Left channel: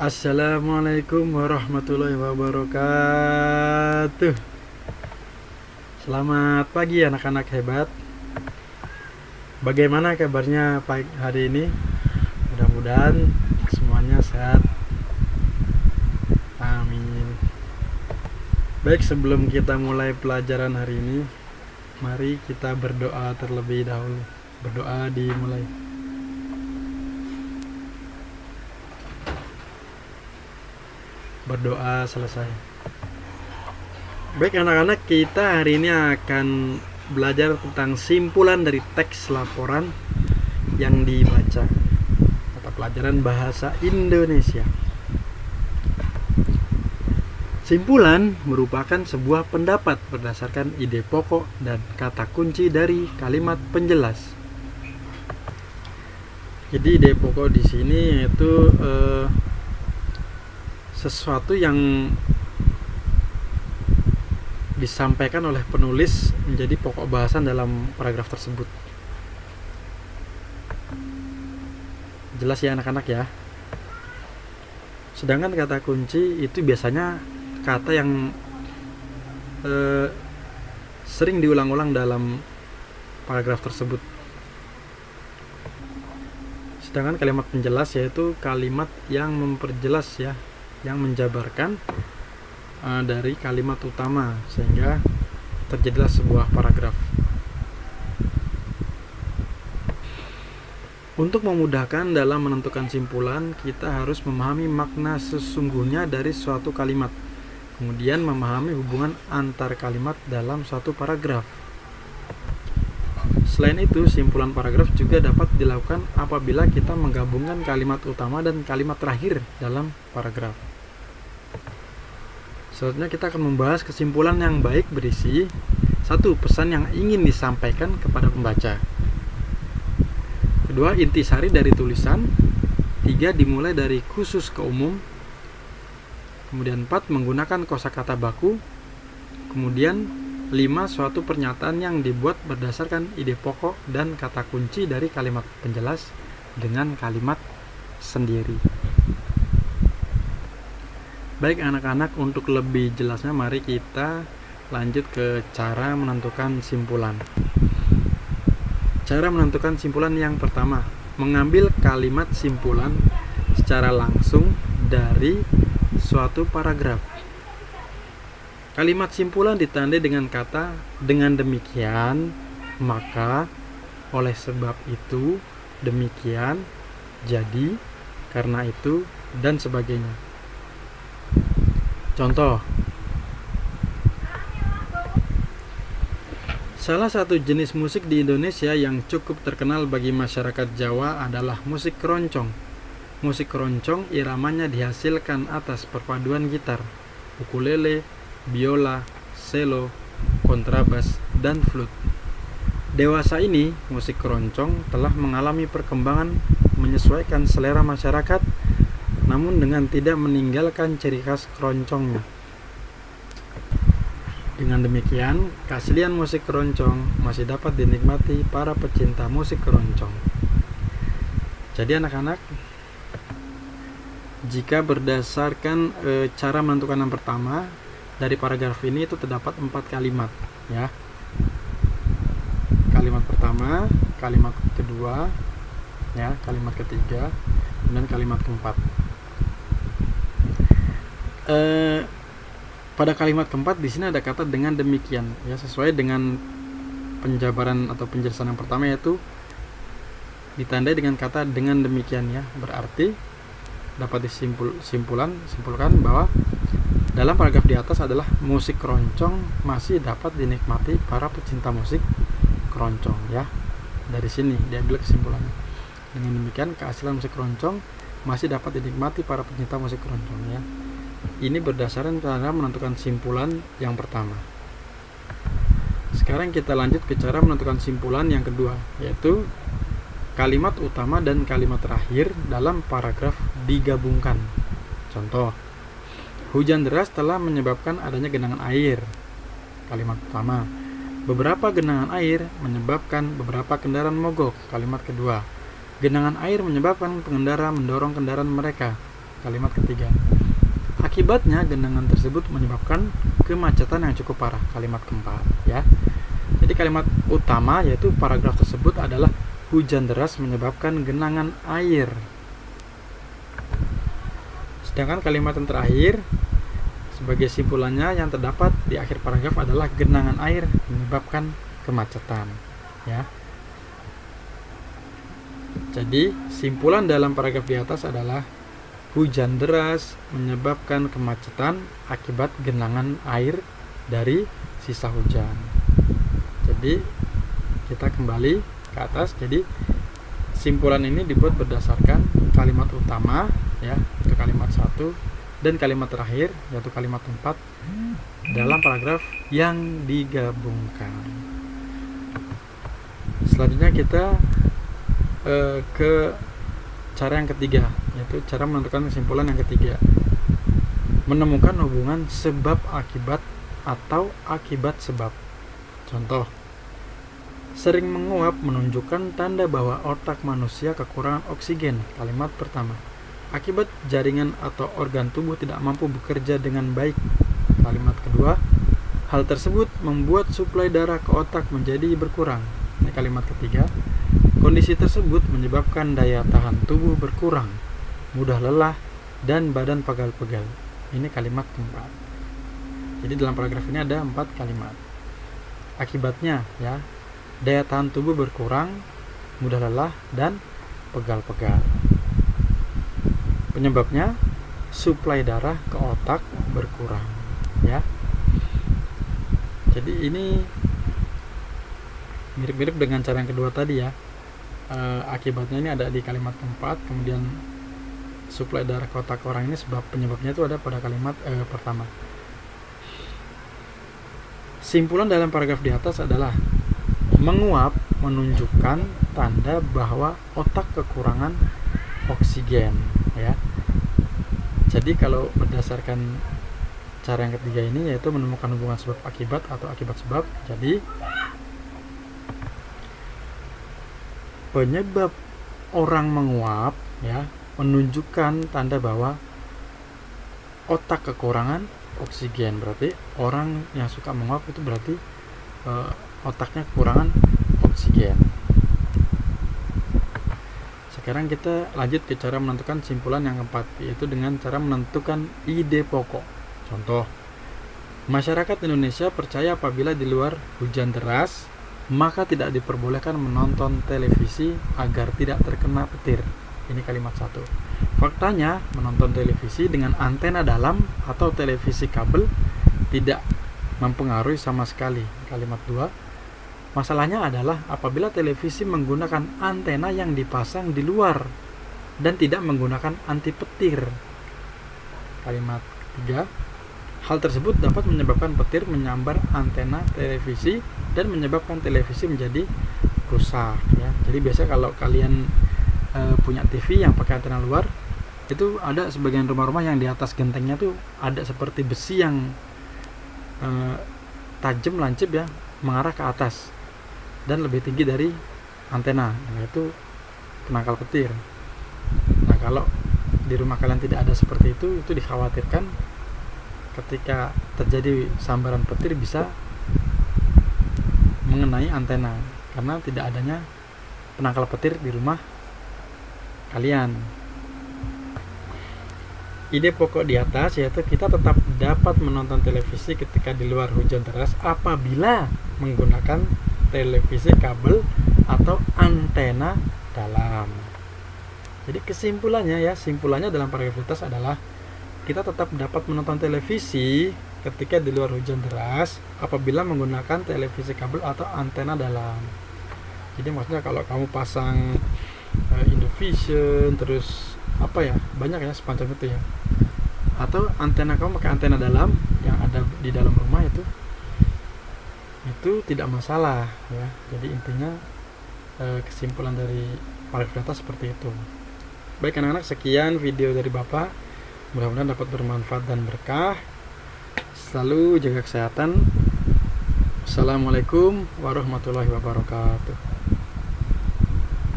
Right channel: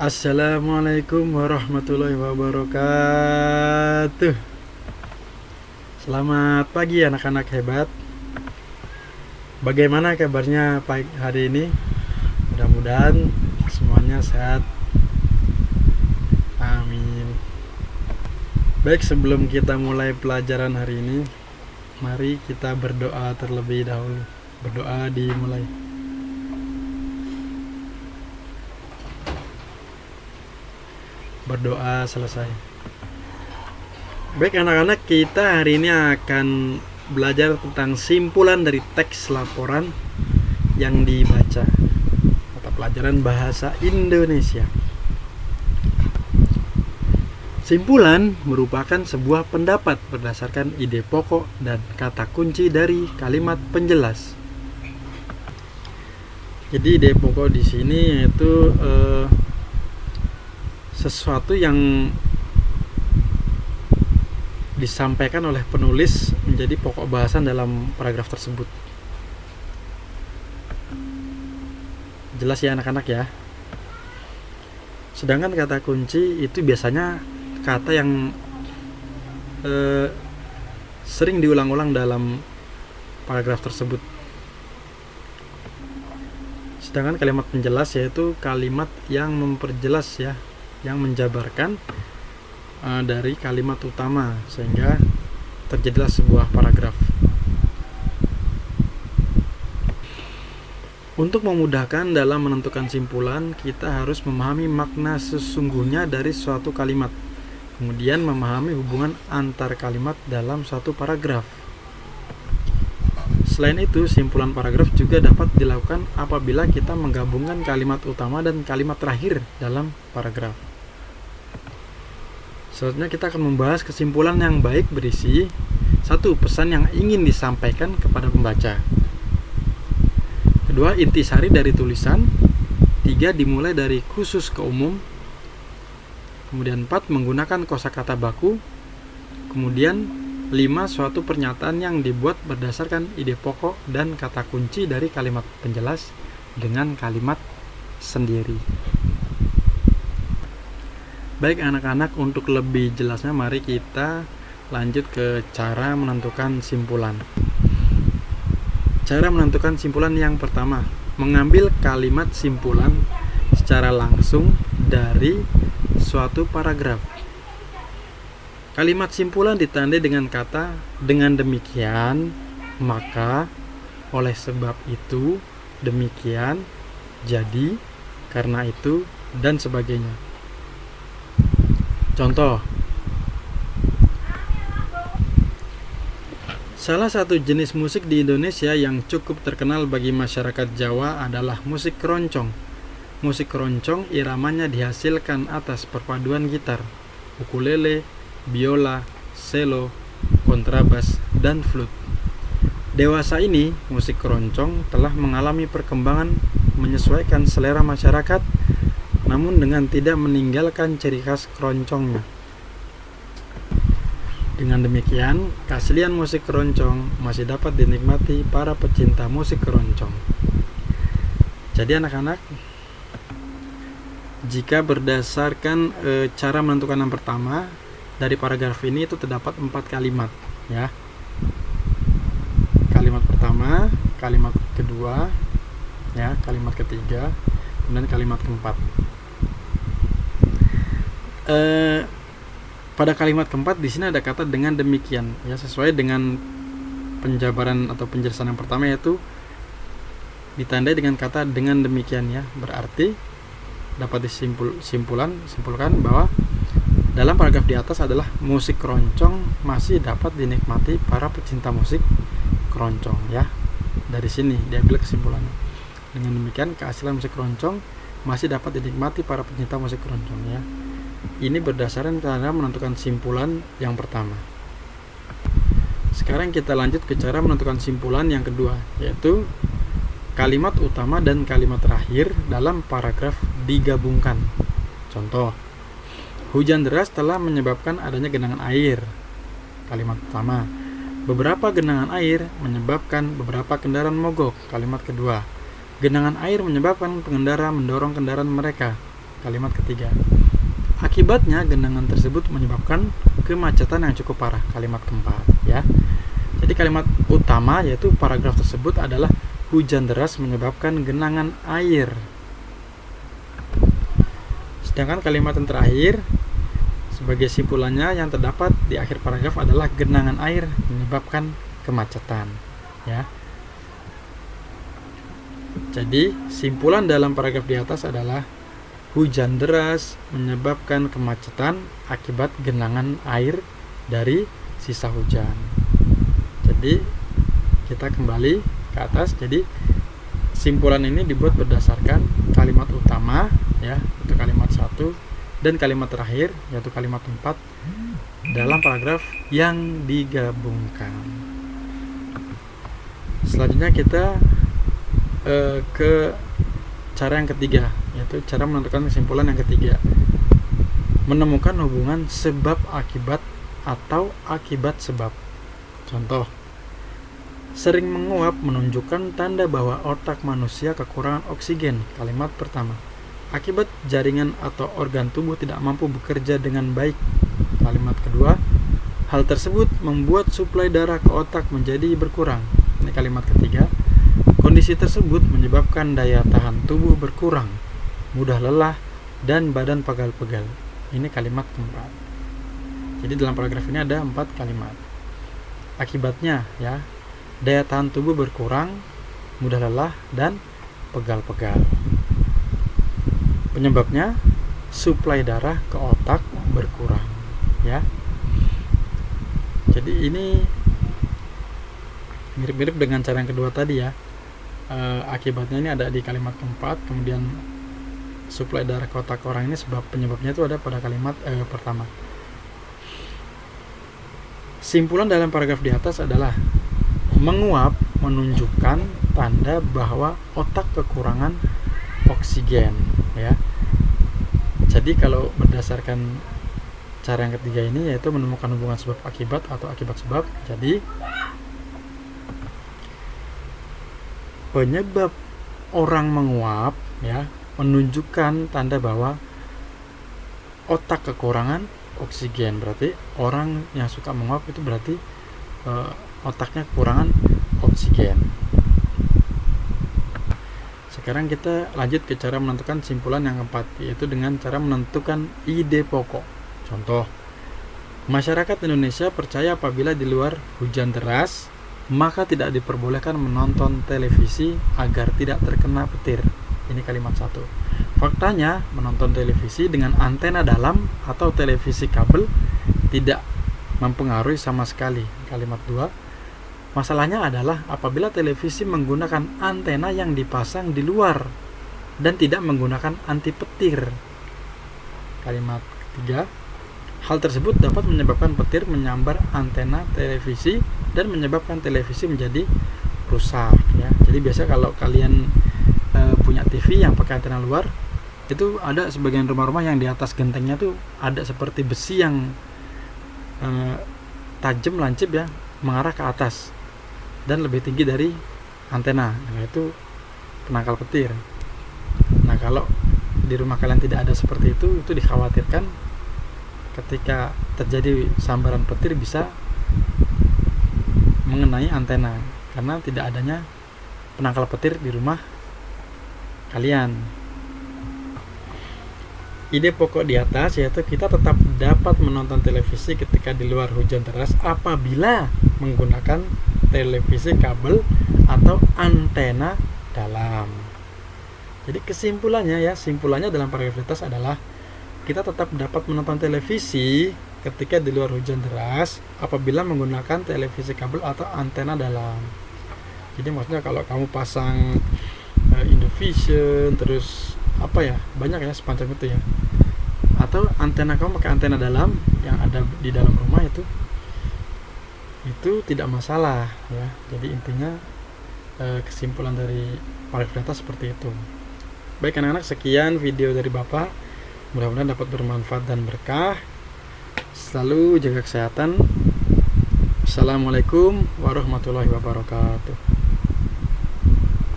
Assalamualaikum warahmatullahi wabarakatuh. Selamat pagi anak-anak hebat. Bagaimana kabarnya pagi hari ini? Mudah-mudahan semuanya sehat. Amin. Baik, sebelum kita mulai pelajaran hari ini, mari kita berdoa terlebih dahulu. Berdoa dimulai. Berdoa selesai. Baik anak-anak, kita hari ini akan belajar tentang simpulan dari teks laporan yang dibaca. Mata pelajaran bahasa Indonesia. Simpulan merupakan sebuah pendapat berdasarkan ide pokok dan kata kunci dari kalimat penjelas. Jadi ide pokok di sini yaitu sesuatu yang disampaikan oleh penulis menjadi pokok bahasan dalam paragraf tersebut. Jelas ya anak-anak ya. Sedangkan kata kunci itu biasanya kata yang sering diulang-ulang dalam paragraf tersebut. Sedangkan kalimat penjelas yaitu kalimat yang memperjelas ya, yang menjabarkan dari kalimat utama sehingga terjadilah sebuah paragraf. Untuk memudahkan dalam menentukan simpulan, kita harus memahami makna sesungguhnya dari suatu kalimat, kemudian memahami hubungan antar kalimat dalam suatu paragraf. Selain itu, simpulan paragraf juga dapat dilakukan apabila kita menggabungkan kalimat utama dan kalimat terakhir dalam paragraf. Selanjutnya kita akan membahas kesimpulan yang baik berisi 1. Pesan yang ingin disampaikan kepada pembaca. 2. Intisari dari tulisan. 3. Dimulai dari khusus ke umum. Kemudian 4. Menggunakan kosakata baku. Kemudian 5. Suatu pernyataan yang dibuat berdasarkan ide pokok dan kata kunci dari kalimat penjelas dengan kalimat sendiri. Baik anak-anak, untuk lebih jelasnya mari kita lanjut ke cara menentukan simpulan. Cara menentukan simpulan yang pertama, mengambil kalimat simpulan secara langsung dari suatu paragraf. Kalimat simpulan ditandai dengan kata dengan demikian, maka, oleh sebab itu, demikian, jadi, karena itu, dan sebagainya. Contoh, salah satu jenis musik di Indonesia yang cukup terkenal bagi masyarakat Jawa adalah musik keroncong. Musik keroncong iramanya dihasilkan atas perpaduan gitar, ukulele, biola, selo, kontrabas, dan flute. Dewasa ini, musik keroncong telah mengalami perkembangan menyesuaikan selera masyarakat, namun dengan tidak meninggalkan ciri khas keroncongnya. Dengan demikian, keaslian musik keroncong masih dapat dinikmati para pecinta musik keroncong. Jadi anak-anak, jika berdasarkan cara menentukan yang pertama, dari paragraf ini itu terdapat 4 kalimat ya. Kalimat pertama, kalimat kedua, ya, kalimat ketiga, dan kalimat keempat. Pada kalimat keempat di sini ada kata dengan demikian ya, sesuai dengan penjabaran atau penjelasan yang pertama, yaitu ditandai dengan kata dengan demikian ya. Berarti dapat simpulkan bahwa dalam paragraf di atas adalah musik keroncong masih dapat dinikmati para pecinta musik keroncong ya. Dari sini diambil kesimpulannya. Dengan demikian keaslian musik keroncong masih dapat dinikmati para pecinta musik keroncong ya. Ini berdasarkan cara menentukan simpulan yang pertama. Sekarang kita lanjut ke cara menentukan simpulan yang kedua, yaitu kalimat utama dan kalimat terakhir dalam paragraf digabungkan. Contoh, hujan deras telah menyebabkan adanya genangan air. Kalimat utama, beberapa genangan air menyebabkan beberapa kendaraan mogok. Kalimat kedua, genangan air menyebabkan pengendara mendorong kendaraan mereka. kalimat ketiga. Akibatnya genangan tersebut menyebabkan kemacetan yang cukup parah, kalimat keempat ya. Jadi kalimat utama yaitu paragraf tersebut adalah hujan deras menyebabkan genangan air. Sedangkan kalimat yang terakhir sebagai simpulannya yang terdapat di akhir paragraf adalah genangan air menyebabkan kemacetan ya. Jadi simpulan dalam paragraf di atas adalah hujan deras menyebabkan kemacetan akibat genangan air dari sisa hujan. Jadi kita kembali ke atas. Jadi simpulan ini dibuat berdasarkan kalimat utama ya, itu kalimat 1, dan kalimat terakhir yaitu kalimat 4 dalam paragraf yang digabungkan. Selanjutnya kita ke cara yang ketiga, yaitu cara menentukan kesimpulan yang ketiga. Menemukan hubungan sebab akibat atau akibat sebab. Contoh, sering menguap menunjukkan tanda bahwa otak manusia kekurangan oksigen. Kalimat pertama. Akibat jaringan atau organ tubuh tidak mampu bekerja dengan baik. Kalimat kedua. Hal tersebut membuat suplai darah ke otak menjadi berkurang. Ini kalimat ketiga. Kondisi tersebut menyebabkan daya tahan tubuh berkurang, mudah lelah, dan badan pegal-pegal. Ini kalimat keempat. Jadi dalam paragraf ini ada 4 kalimat. Akibatnya ya, daya tahan tubuh berkurang, mudah lelah, dan pegal-pegal. Penyebabnya, suplai darah ke otak berkurang ya. Jadi ini mirip-mirip dengan cara yang kedua tadi ya. Akibatnya ini ada di kalimat keempat, kemudian suplai darah ke otak orang ini sebab penyebabnya itu ada pada kalimat pertama. Simpulan dalam paragraf di atas adalah menguap menunjukkan tanda bahwa otak kekurangan oksigen ya. Jadi kalau berdasarkan cara yang ketiga ini yaitu menemukan hubungan sebab akibat atau akibat sebab. Jadi penyebab orang menguap ya menunjukkan tanda bahwa otak kekurangan oksigen. Berarti orang yang suka menguap itu berarti otaknya kekurangan oksigen. Sekarang kita lanjut ke cara menentukan simpulan yang keempat, yaitu dengan cara menentukan ide pokok. Contoh, masyarakat Indonesia percaya apabila di luar hujan deras maka tidak diperbolehkan menonton televisi agar tidak terkena petir. Ini kalimat 1. Faktanya, menonton televisi dengan antena dalam atau televisi kabel tidak mempengaruhi sama sekali. Kalimat 2. Masalahnya adalah apabila televisi menggunakan antena yang dipasang di luar dan tidak menggunakan anti petir. Kalimat 3. Hal tersebut dapat menyebabkan petir menyambar antena televisi dan menyebabkan televisi menjadi rusak ya. Jadi biasa kalau kalian punya TV yang pakai antena luar, itu ada sebagian rumah-rumah yang di atas gentengnya tuh ada seperti besi yang tajam lancip ya, mengarah ke atas dan lebih tinggi dari antena. Nah, itu penangkal petir. Nah, kalau di rumah kalian tidak ada seperti itu dikhawatirkan ketika terjadi sambaran petir bisa mengenai antena karena tidak adanya penangkal petir di rumah kalian. Ide pokok di atas yaitu kita tetap dapat menonton televisi ketika di luar hujan deras apabila menggunakan televisi kabel atau antena dalam. Jadi kesimpulannya ya, simpulannya dalam paragraf di atas adalah kita tetap dapat menonton televisi ketika di luar hujan deras apabila menggunakan televisi kabel atau antena dalam. Jadi maksudnya kalau kamu pasang Indovision terus apa ya, banyak ya semacam itu ya, atau antena kamu pakai antena dalam yang ada di dalam rumah itu tidak masalah ya. Jadi intinya kesimpulan dari paragraf di atas seperti itu. Baik anak-anak, sekian video dari Bapak, mudah-mudahan dapat bermanfaat dan berkah. Selalu jaga kesehatan. Assalamualaikum warahmatullahi wabarakatuh.